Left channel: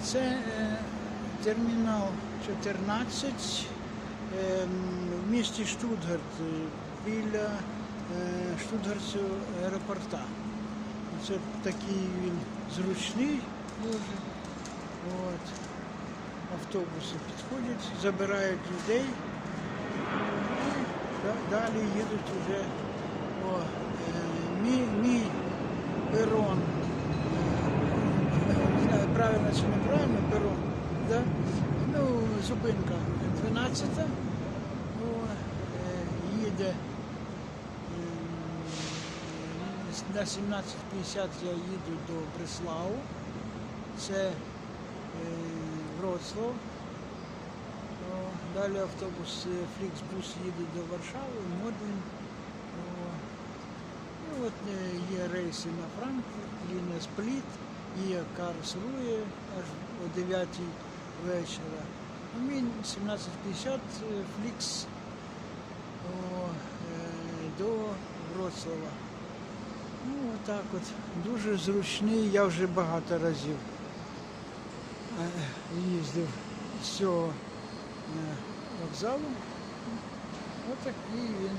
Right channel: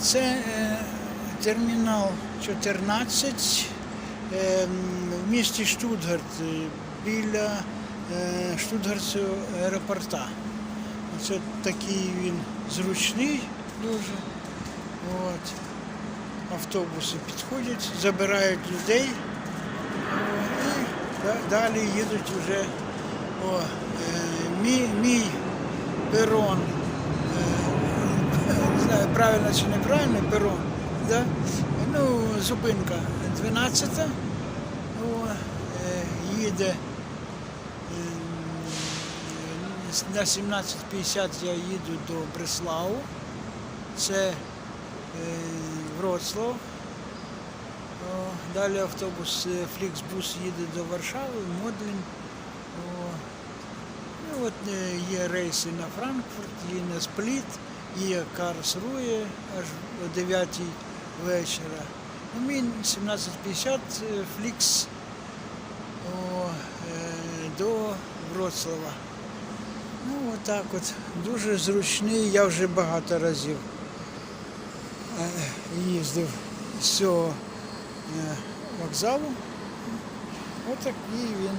Це е, термінал 14 е, в місті Штутгарт е, біля Штутгартського аеропорта. Це такий він зручний дуже. От. Автобуси підходять, забирають людей і далі їдуть вже о, мій, мій перон. Правильно чи неправильно перон. Да? Ну, зупинка 12. О, е, їде Ем, На 17.50 я їду до Бреславу. Це е, Вроцлав. Далі автобус е, Фліксбус їде до Варшави, Модлін. Ну, от є рейси на Франкфурт, є на Спліт, є Карлсрує аж о 9 вечора. Ну, мій 17.50 е, Флікс о, е, до Вроцлава. Ну, отак от. Дуже зручний, я вже багато разів е, їздив з цього е, вокзалу. Отакий він.